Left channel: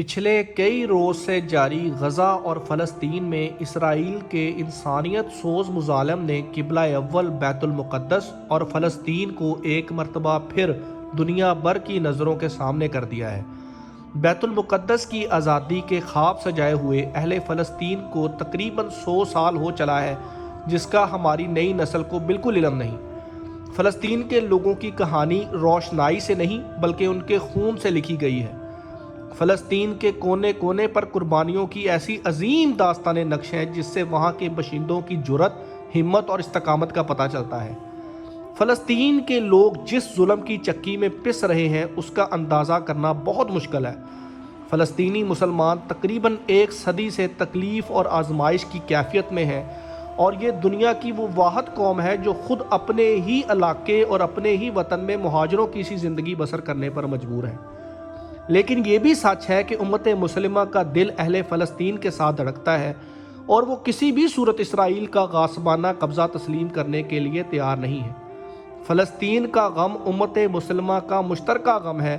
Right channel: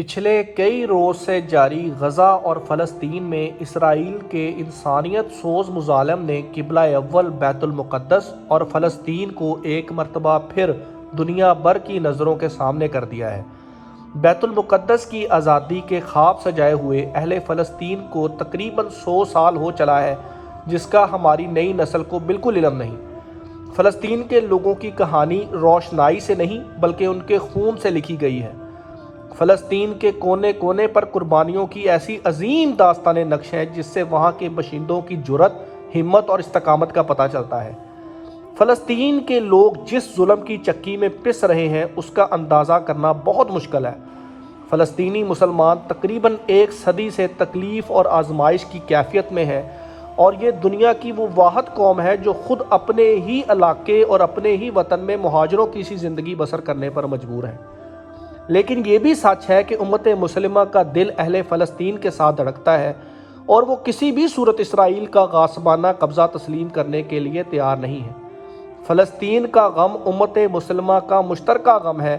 پچھلے کئی روز سے جاری غزہ اور فلسطین میں اسرائیل کے انسانیت سوز مظالم نے قبلہ اول بیت المقدس اور فلسطین کو ایک مرتبہ پھر دنیا بھر کی نظروں کے سامنے کر دیا ہے۔ بیت المقدس کی آزادی کے خواب سجائے ہوئے اہل فلسطین کو تقریباً 100 سال ہو چلا ہے، جس کا ہماری نئی نسل کو بالکل علم نہیں۔ فلسطین کے لوگوں کی کہانی روشنائی سے نہیں بلکہ ان کے خون سے لکھی گئی ہے۔ فلسطین کے کونے کونے پر قربانیوں کی ایسی عظیم داستان نقش ہے جس سے وہاں کے باشندوں کی جرأت، ہمت اور استقامت کا پتہ چلتا ہے۔ فلسطین کے لوگ جس ظلم کی چکی میں پس رہے ہیں اس کا اندازہ کرنا بہت مشکل ہے۔ فلسطینی مسلمان تقریباً 1 صدی سے تکلیف اور آزمائش کی کیفیت میں ہے، اور یہ دنیا کی وہ واحد قوم ہے جو خود اپنے ہی علاقے اور اپنے ہی وطن میں مہاجروں کی سی زندگی بسر کرنے پر مجبور ہے۔ لیکن یہ بھی سچ ہے کہ امت مسلمہ کا دل اہل فلسطین کے ساتھ دھڑکتا ہے، اور وہ کسی بھی صورت اسرائیل کا غاصبانہ قبضہ تسلیم کرنے کے لیے تیار نہیں ہے۔ فلسطین کا غم امت مسلمہ کا مشترکہ غم ہے،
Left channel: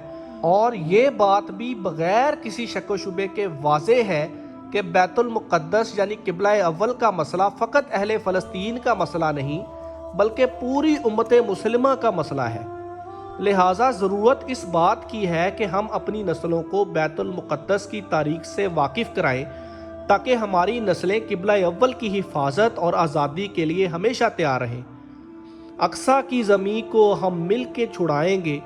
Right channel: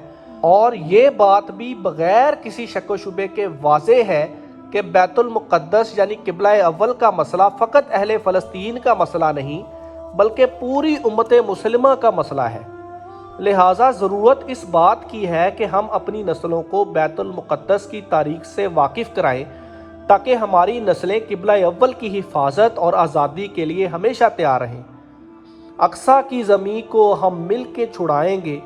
اور یہ بات بھی بغیر کسی شک و شبے کے واضح ہے کہ بیت المقدس یعنی قبلہ اول کا مسئلہ فقط اہل فلسطین کا مسئلہ نہیں بلکہ پوری امت مسلمہ کا مسئلہ ہے۔ لہٰذا ضرورت اس بات کی ہے کہ ہم اپنی نسلوں کو بیت المقدس کی تاریخ سے واقف کرائیں تاکہ ہماری نسلیں قبلہ اول کی حفاظت اور آزادی کے لیے ہمیشہ تیار رہیں۔ اقصیٰ کی زمین کو ہم مل کے چھڑائیں گے،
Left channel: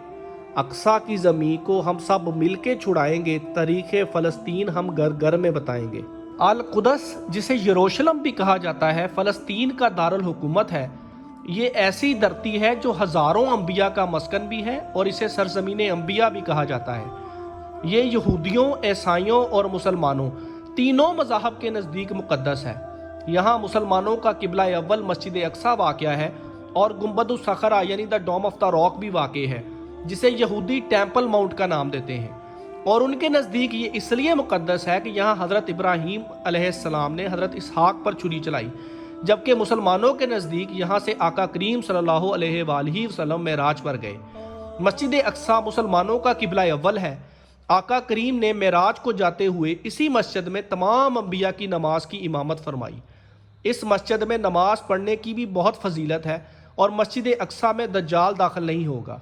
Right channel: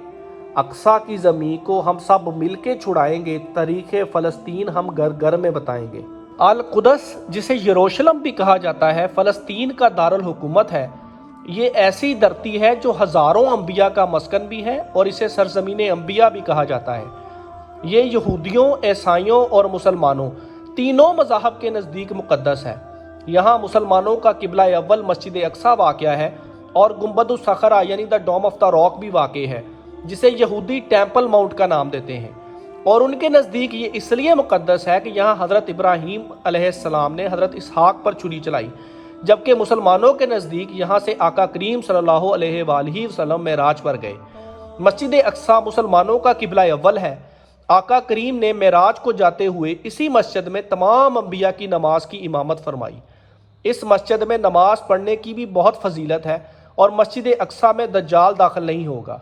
اقصیٰ کی زمین کو ہم سب مل کے چھڑائیں گے، تاریخ فلسطین ہم گھر گھر میں بتائیں گے۔ القدس، جسے یروشلم بھی کہا جاتا ہے، فلسطین کا دارالحکومت ہے۔ یہ ایسی دھرتی ہے جو ہزاروں انبیاء کا مسکن بھی ہے، اور اسے سرزمین انبیاء بھی کہا جاتا ہے۔ یہ یہودیوں، عیسائیوں اور مسلمانوں تینوں مذاہب کے نزدیک مقدس ہے۔ یہاں مسلمانوں کا قبلہ اول مسجد اقصیٰ واقع ہے، اور گنبد الصخرہ یعنی دا ڈوم آف دا راک بھی واقع ہے، جسے یہودی ٹیمپل ماؤنٹ کا نام دیتے ہیں۔ اور ان کے نزدیک یہ اس لیے مقدس ہے کہ یہاں حضرت ابراہیم علیہ السلام نے حضرت اسحاق پر چھری چلائی، جبکہ مسلمانوں کے نزدیک یہاں سے آقا کریم صلی اللہ علیہ وآلہ وسلم معراج پر گئے۔ مسجد اقصیٰ مسلمانوں کا قبلہ اول ہے۔ آقا کریم نے معراج کو جاتے ہوئے اسی مسجد میں تمام انبیاء کی نماز کی امامت فرمائی۔ اس مسجد میں نماز پڑھنے کی بھی بہت فضیلت ہے، اور مسجد اقصیٰ میں دجال داخل نہیں ہوگا۔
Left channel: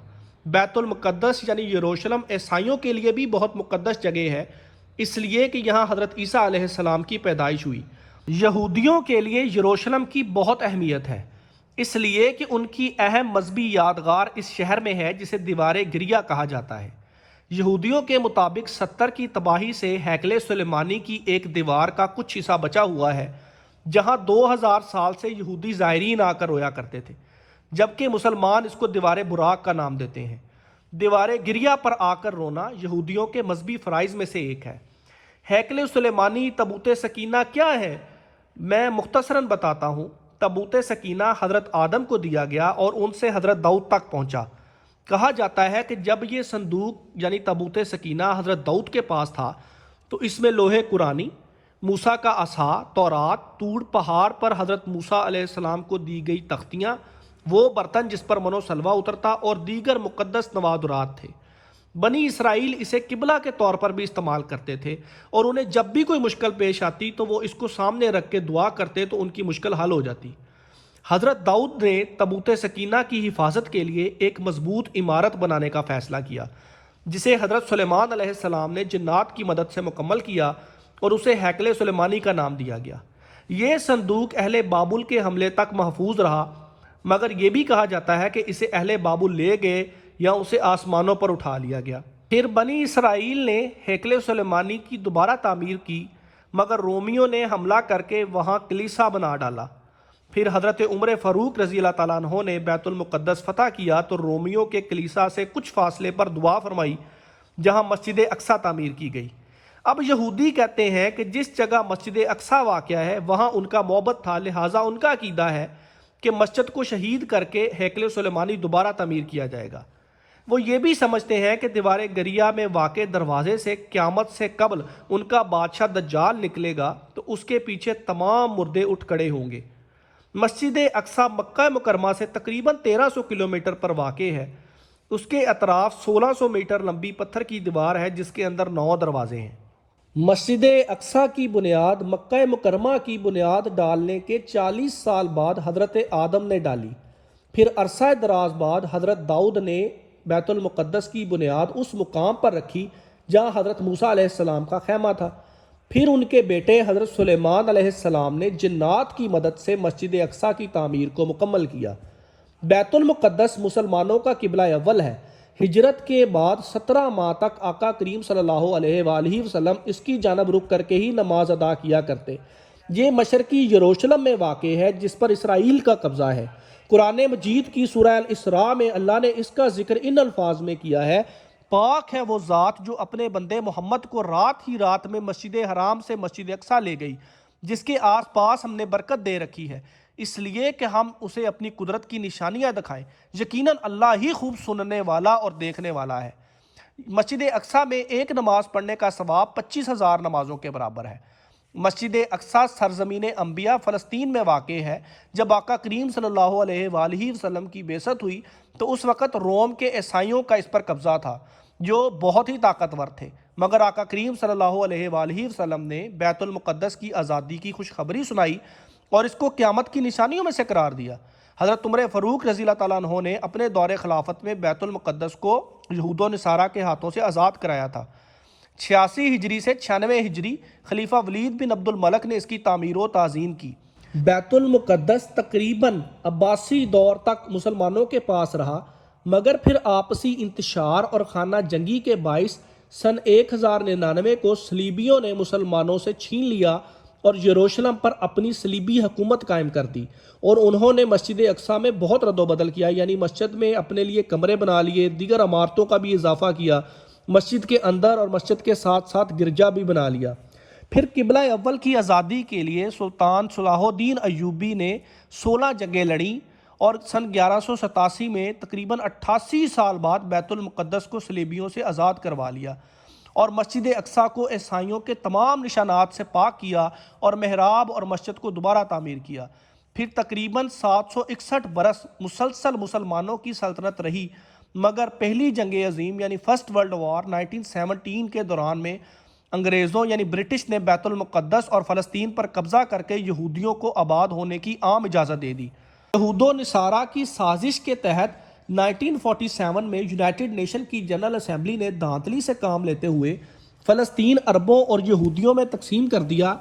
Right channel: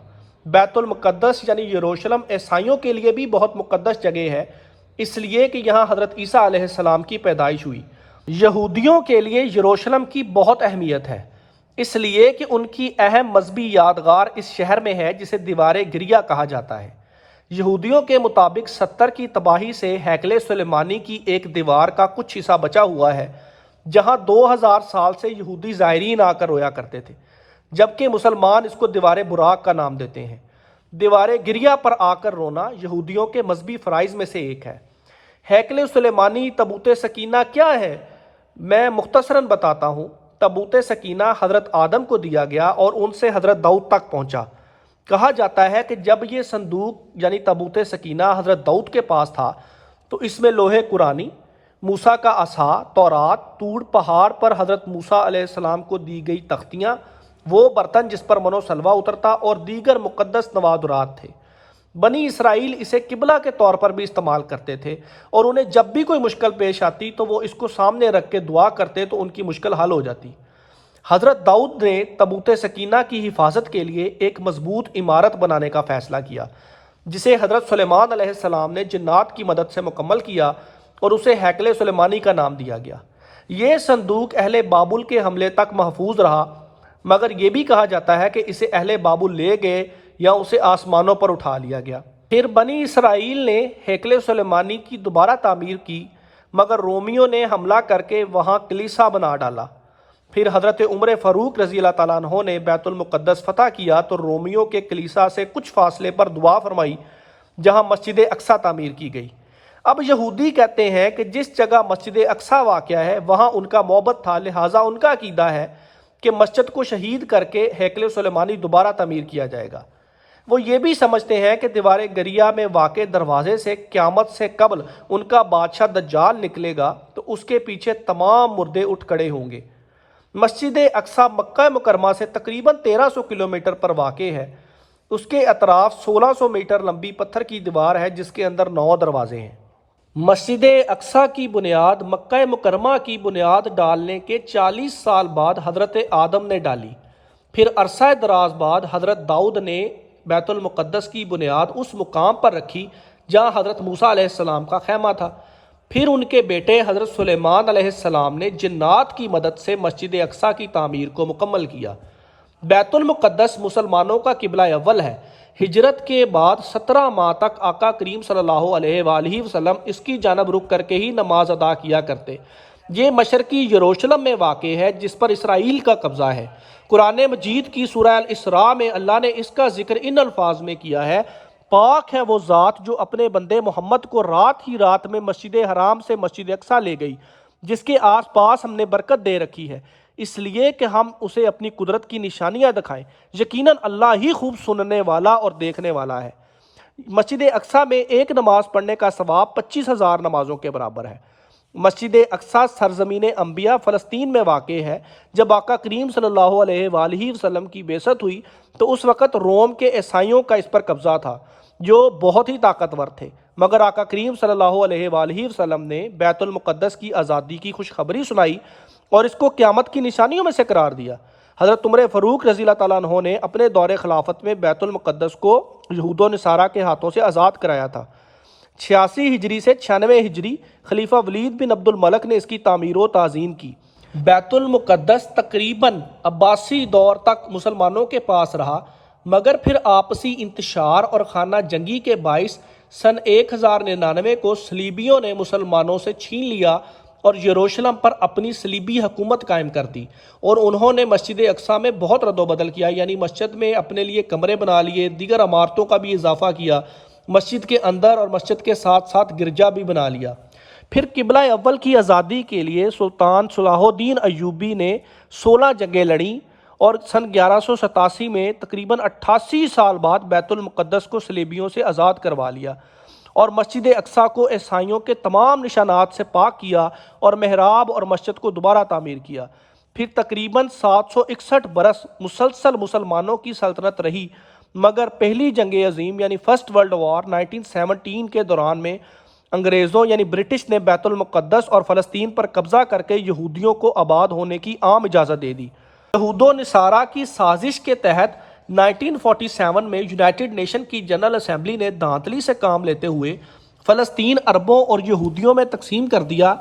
بیت المقدس یعنی یروشلم عیسائیوں کے لیے بھی بہت مقدس جگہ ہے، اس لیے کہ یہاں حضرت عیسیٰ علیہ السلام کی پیدائش ہوئی۔ یہودیوں کے لیے یروشلم کی بہت اہمیت ہے، اس لیے کہ ان کی اہم مذہبی یادگار اس شہر میں ہے جسے دیوار گریہ کہا جاتا ہے۔ یہودیوں کے مطابق 70 کی تباہی سے ہیکل سلیمانی کی ایک دیوار کا کچھ حصہ بچا ہوا ہے، جہاں 2000 سال سے یہودی زائرین آ کر رویا کرتے تھے، جبکہ مسلمان اس کو دیوار براق کا نام دیتے ہیں۔ دیوار گریہ پر آ کر رونا یہودیوں کے مذہبی فرائض میں سے ایک ہے۔ ہیکل سلیمانی تابوت سکینہ کیا ہے؟ میں مختصراً بتاتا ہوں۔ تابوت سکینہ حضرت آدم کو دیا گیا اور ان سے حضرت داؤد تک پہنچا۔ کہا جاتا ہے کہ جب یہ صندوق یعنی تابوت سکینہ حضرت داؤد کے پاس تھا تو اس میں لوح قرآنی، موسیٰ کا عصا، تورات، طور پہاڑ پر حضرت موسیٰ علیہ السلام کو دی گئی تختیاں، وہ برتن جس پر من و سلوہ اترتا، اور دیگر مقدس نوادرات تھے۔ بنی اسرائیل اسے قبلہ کے طور پر بھی استعمال کرتے تھے، اور انہیں جب بھی کوئی مشکل پیش آتی تو وہ اس کو سامنے رکھ کے دعا کرتے تو ان کی مشکل حل ہو جاتی۔ حضرت داؤد نے تابوت سکینہ کی حفاظت کے لیے ایک مضبوط عمارت بنانے کا فیصلہ کیا، جسے حضرت سلیمان علیہ السلام نے جنات کی مدد سے مکمل کیا، اور اسے ہیکل سلیمانی کا نام دیا گیا۔ یہ صندوق اہل بابل کے حملے تک محفوظ رہا، مگر یہ بھی کہا جاتا ہے کہ اسے اہل بابل لے گئے یا اسے آسمانوں پر اٹھا لیا گیا۔ پھر بنی اسرائیل نے ہیکل سلیمانی کی دوبارہ تعمیر کی، مگر رومیوں نے حملہ کر کے وہاں کلیسا بنا ڈالا۔ پھر حضرت عمر فاروق رضی اللہ تعالیٰ عنہ نے بیت المقدس فتح کیا تو رومیوں کے کلیسا سے کچھ فاصلے پر دعا فرمائی، جہاں مسجد اقصیٰ تعمیر کی گئی۔ اب یہودی کہتے ہیں کہ جس جگہ مسجد اقصیٰ واقع ہے وہاں ان کا معبد تھا، لہٰذا ان کا عقیدہ ہے کہ مسجد کو شہید کر کے ہیکل سلیمانی دوبارہ تعمیر کیا جائے گا۔ وہ یہ بھی سمجھتے ہیں کہ دیوار گریہ میں واقع دروازے سے قیامت سے قبل ان کا بادشاہ دجال نکلے گا تو اس کے پیچھے تمام مردے اٹھ کھڑے ہوں گے۔ مسجد اقصیٰ مکہ مکرمہ سے تقریباً 1300 کلومیٹر پر واقع ہے۔ اس کے اطراف 1600 میٹر لمبی پتھر کی دیوار ہے جس کے اندر 9 دروازے ہیں۔ مسجد اقصیٰ کی بنیاد مکہ مکرمہ کی بنیاد ڈالنے کے 40 سال بعد حضرت آدم نے ڈالی۔ پھر عرصہ دراز بعد حضرت داؤد نے بیت المقدس کی بنیاد اس مقام پر رکھی جہاں حضرت موسیٰ علیہ السلام کا خیمہ تھا۔ پھر ان کے بیٹے حضرت سلیمان علیہ السلام نے جنات کی مدد سے مسجد اقصیٰ کی تعمیر کو مکمل کیا۔ بیت المقدس مسلمانوں کا قبلہ اول ہے۔ ہجرت کے بعد 17 ماہ تک آقا کریم صلی اللہ علیہ وآلہ وسلم اس کی جانب رخ کر کے ہی نماز ادا کیا کرتے۔ یہ مشرقی یروشلم میں واقع ہے جس پر اسرائیل کا قبضہ ہے۔ قرآن مجید کی سورہ الاسراء میں اللہ نے اس کا ذکر ان الفاظ میں کیا ہے: پاک ہے وہ ذات جو اپنے بندے محمد کو رات ہی رات میں مسجد حرام سے مسجد اقصیٰ لے گئی، جس کے آس پاس ہم نے برکت دے رکھی ہے، اس لیے کہ ہم اسے اپنی قدرت کی نشانیاں دکھائیں۔ یقیناً اللہ ہی خوب سننے والا اور دیکھنے والا ہے۔ مسجد اقصیٰ میں ایک نماز پڑھنے کا ثواب 25,000 نمازوں کے برابر ہے۔ مسجد اقصیٰ سرزمین انبیاء فلسطین میں واقع ہے۔ جب آقا کریم صلی اللہ علیہ وآلہ وسلم کی بعثت ہوئی تو اس وقت روم کے عیسائیوں کا اس پر قبضہ تھا جو بہت ہی طاقتور تھے، مگر آقا کریم صلی اللہ علیہ وآلہ وسلم نے بیت المقدس کی آزادی کی خوشخبری سنائی اور اس کو قیامت کی نشانیوں میں سے قرار دیا۔ حضرت عمر فاروق رضی اللہ تعالیٰ عنہ نے اپنے دور خلافت میں بیت المقدس کو یہود و نصارہ کے ہاتھوں سے آزاد کرایا تھا۔ 86 ہجری سے 96 ہجری خلیفہ ولید بن عبد الملک نے اس کی تعمیر و تعظیم کی۔ بیت المقدس تقریباً عباسی دور تک مسلمانوں کے پاس رہا، مگر پھر آپسی انتشار اور خانہ جنگی کے باعث سن 1099 کو صلیبیوں نے مسلمانوں سے چھین لیا اور یروشلم پر اپنی صلیبی حکومت قائم کر دی، اور انہوں نے مسجد اقصیٰ میں بہت رد و بدل کیا، یعنی مسجد میں اپنے لیے کمرے بنا لیے، دیگر عمارتوں کا بھی اضافہ کیا، مسجد کے اندر اور مسجد کے ساتھ ساتھ گرجا بھی بنا لیا۔ پھر قبلہ اول کی آزادی کے لیے سلطان صلاح الدین ایوبی نے 16 جنگیں لڑیں اور سن 1187 میں تقریباً 88 سال بعد بیت المقدس کو صلیبیوں سے آزاد کروا لیا اور مسجد اقصیٰ کو عیسائیوں کے تمام نشانات سے پاک کیا اور محراب اور مسجد کو دوبارہ تعمیر کیا۔ پھر تقریباً 761 برس مسلسل مسلمانوں کی سلطنت رہی، مگر پہلی جنگ عظیم یعنی فرسٹ ورلڈ وار 1917 کے دوران میں انگریزوں یعنی برٹش نے بیت المقدس اور فلسطین پر قبضہ کر کے یہودیوں کو آباد ہونے کی عام اجازت دے دی۔ یہود و نصارہ کی سازش کے تحت 1947 میں یونائٹڈ نیشن کی جنرل اسمبلی نے دھاندلی سے کام لیتے ہوئے فلسطین عربوں اور یہودیوں میں تقسیم کر دیا،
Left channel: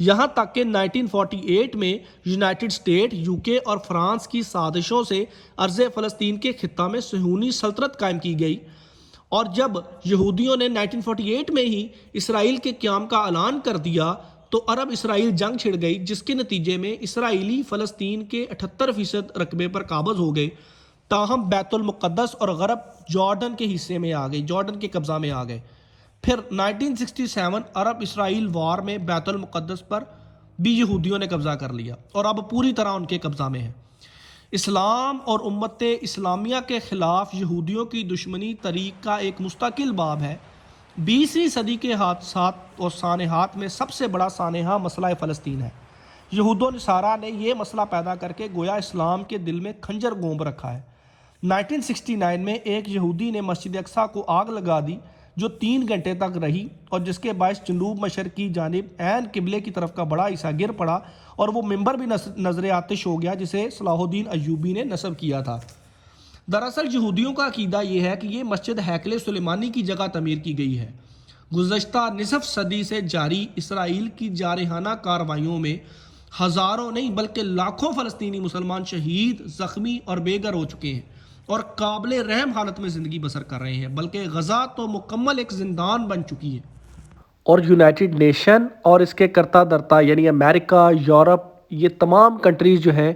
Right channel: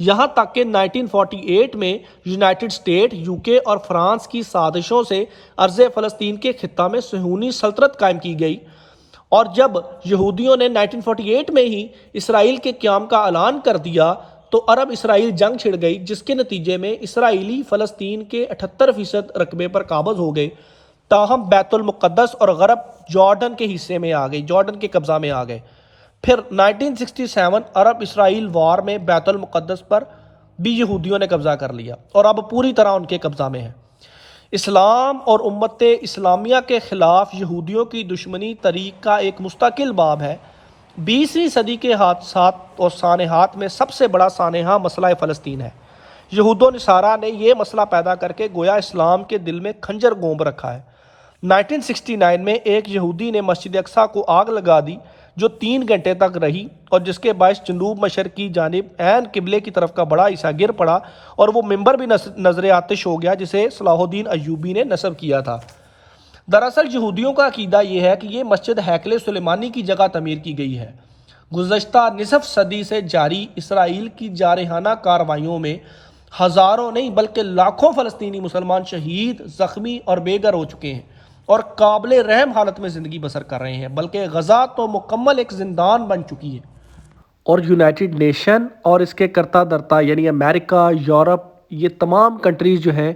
یہاں تک کہ 1948 میں یونائٹڈ اسٹیٹ، UK اور فرانس کی سازشوں سے ارض فلسطین کے خطہ میں صہیونی سلطنت قائم کی گئی، اور جب یہودیوں نے 1948 میں ہی اسرائیل کے قیام کا اعلان کر دیا تو عرب اسرائیل جنگ چھڑ گئی، جس کے نتیجے میں اسرائیلی فلسطین کے 78% رقبے پر قابض ہو گئے، تاہم بیت المقدس اور غرب جارڈن کے حصے میں آ گئی، جارڈن کے قبضہ میں آ گئے۔ پھر 1967 عرب اسرائیل وار میں بیت المقدس پر بھی یہودیوں نے قبضہ کر لیا اور اب پوری طرح ان کے قبضہ میں ہے۔ اسلام اور امت اسلامیہ کے خلاف یہودیوں کی دشمنی تاریخ کا ایک مستقل باب ہے۔ 20ویں صدی کے حادثات اور سانحات میں سب سے بڑا سانحہ مسئلہ فلسطین ہے۔ یہود و نصارہ نے یہ مسئلہ پیدا کر کے گویا اسلام کے دل میں خنجر گونب رکھا ہے۔ 1969 میں ایک یہودی نے مسجد اقصیٰ کو آگ لگا دی جو 3 گھنٹے تک رہی اور جس کے باعث جنوب مشرق کی جانب عین قبلے کی طرف کا بڑا حصہ گر پڑا اور وہ ممبر بھی نظر آتش ہو گیا جسے صلاح الدین ایوبی نے نصب کیا تھا۔ دراصل یہودیوں کا عقیدہ یہ ہے کہ یہ مسجد ہیکل سلیمانی کی جگہ تعمیر کی گئی ہے۔ گزشتہ نصف صدی سے جاری اسرائیل کی جارحانہ کارروائیوں میں ہزاروں نہیں بلکہ لاکھوں فلسطینی مسلمان شہید، زخمی اور بے گھر ہو چکے ہیں اور قابل رحم حالت میں زندگی بسر کر رہے ہیں، بلکہ غزہ تو مکمل ایک زندان بن چکی ہے۔ اور یونائٹڈ نیشن اور اس کے کرتا درتا یعنی امریکہ، یورپ، یہ تمام کنٹریز جو ہیں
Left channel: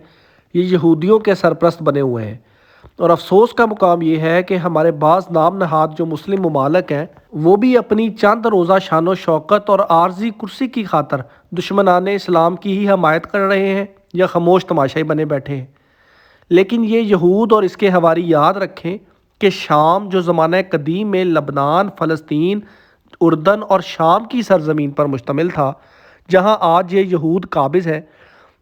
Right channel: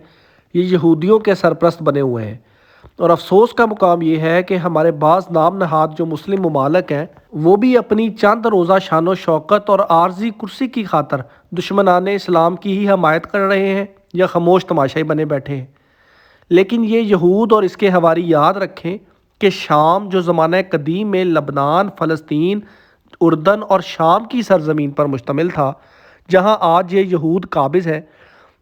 یہ یہودیوں کے سرپرست بنے ہوئے ہیں، اور افسوس کا مقام یہ ہے کہ ہمارے بعض نام نہاد جو مسلم ممالک ہیں وہ بھی اپنی چند روزہ شان و شوکت اور عارضی کرسی کی خاطر دشمنان اسلام کی ہی حمایت کر رہے ہیں یا خاموش تماشائی بنے بیٹھے ہیں۔ لیکن یہ یہود اور اس کے حواری یاد رکھیں کہ شام جو زمانہ قدیم میں لبنان، فلسطین، اردن اور شام کی سرزمین پر مشتمل تھا، جہاں آج یہ یہود قابض ہے،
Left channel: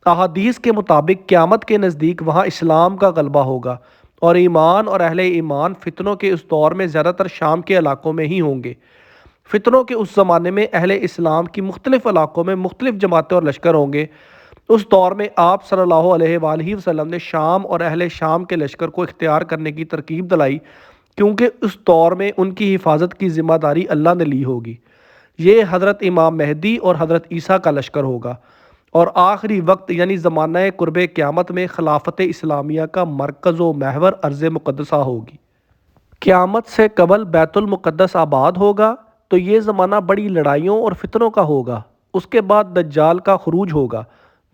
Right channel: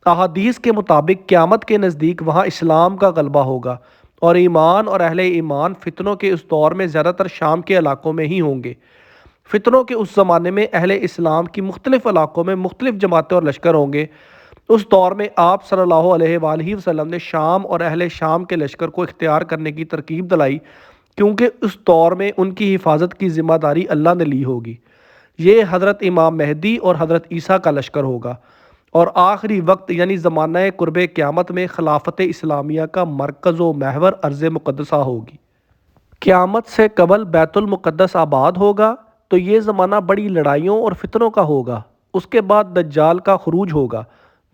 احادیث کے مطابق قیامت کے نزدیک وہاں اسلام کا غلبہ ہوگا اور ایمان اور اہل ایمان فتنوں کے اس دور میں زیادہ تر شام کے علاقوں میں ہی ہوں گے۔ فتنوں کے اس زمانے میں اہل اسلام کی مختلف علاقوں میں مختلف جماعتیں اور لشکر ہوں گے۔ اس دور میں آپ صلی اللہ علیہ وآلہ وسلم نے شام اور اہل شام کے لشکر کو اختیار کرنے کی ترکیب دلائی، کیونکہ اس دور میں ان کی حفاظت کی ذمہ داری اللہ نے لی ہوگی۔ یہ حضرت امام مہدی اور حضرت عیسیٰ کا لشکر ہوگا، اور آخری وقت یعنی زمانہ قرب قیامت میں خلافت اسلامیہ کا مرکز و محور ارض مقدسہ ہوگی۔ قیامت سے قبل بیت المقدس آباد ہوگا تو یہ زمانہ بڑی لڑائیوں اور فتنوں کا ہوگا۔ اس کے بعد دجال کا خروج ہوگا۔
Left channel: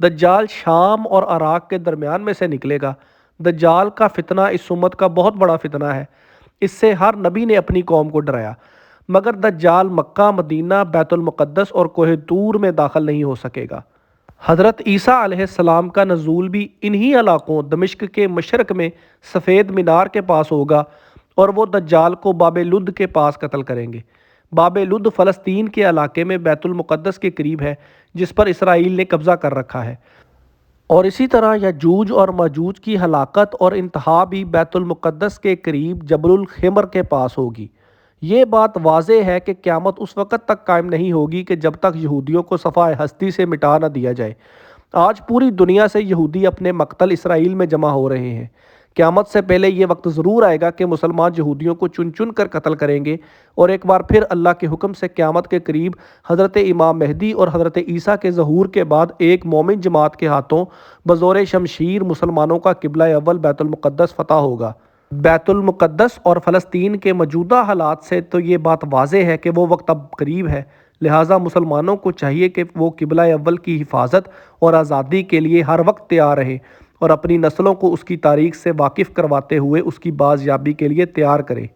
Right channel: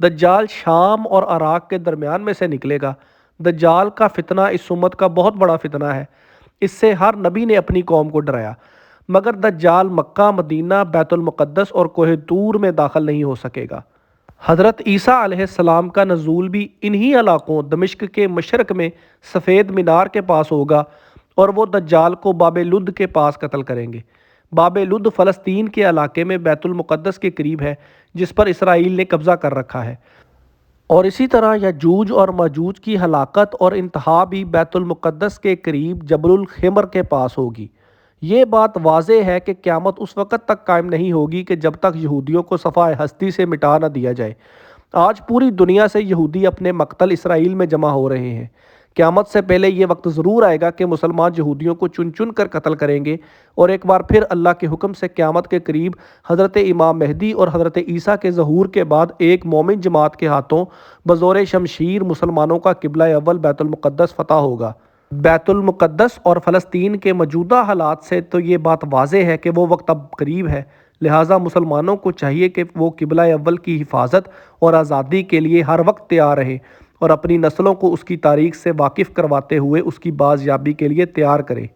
دجال شام اور عراق کے درمیان میں سے نکلے گا۔ دجال کا فتنہ اس امت کا بہت بڑا فتنہ ہے۔ اس سے ہر نبی نے اپنی قوم کو ڈرایا، مگر دجال مکہ، مدینہ، بیت المقدس اور کوہ طور میں داخل نہیں ہو سکے گا۔ حضرت عیسیٰ علیہ السلام کا نزول بھی انہی علاقوں دمشق کے مشرق میں سفید مینار کے پاس ہوگا، اور وہ دجال کو باب لد کے پاس قتل کریں گے۔ باب لد فلسطین کے علاقے میں بیت المقدس کے قریب ہے، جس پر اسرائیل نے قبضہ کر رکھا ہے، اور اسی طرح یجوج اور ماجوج کی ہلاکت اور انتہا بھی بیت المقدس کے قریب جبل الخمر کے پاس ہوگی۔ یہ بات واضح ہے کہ قیامت اس وقت تک قائم نہیں ہوگی کہ جب تک یہودیوں کو صفحہ ہستی سے مٹا نہ دیا جائے۔ آج پوری دنیا سے یہودی اپنے مقتل اسرائیل میں جمع ہو رہے ہیں۔ قیامت سے پہلے یہ وقت ضرور آئے گا کہ مسلمان یہودیوں کو چن چن کر قتل کریں گے، اور ایک بار پھر اللہ کے حکم سے قیامت کے قریب حضرت امام مہدی اور حضرت عیسیٰ کے ظہور کے بعد ایک مومن جماعت کے ہاتھوں بزور شمشیر مسلمانوں کا قبلہ اول بیت المقدس فتح ہوگا۔ بیت المقدس اور فلسطین کے موجودہ حالات سے تو یہ بات واضح ہے کہ وہ وقت اب قریب ہے، لہٰذا مسلمانوں کو چاہیے کہ وہ قبلہ اول کی حفاظت اور آزادی کے لیے ہر وقت تیار رہیں، اور اپنی نسلوں کو اس کی تاریخ سے واقف کرواتے ہوئے اس کی بازیابی کے لیے تیار کریں۔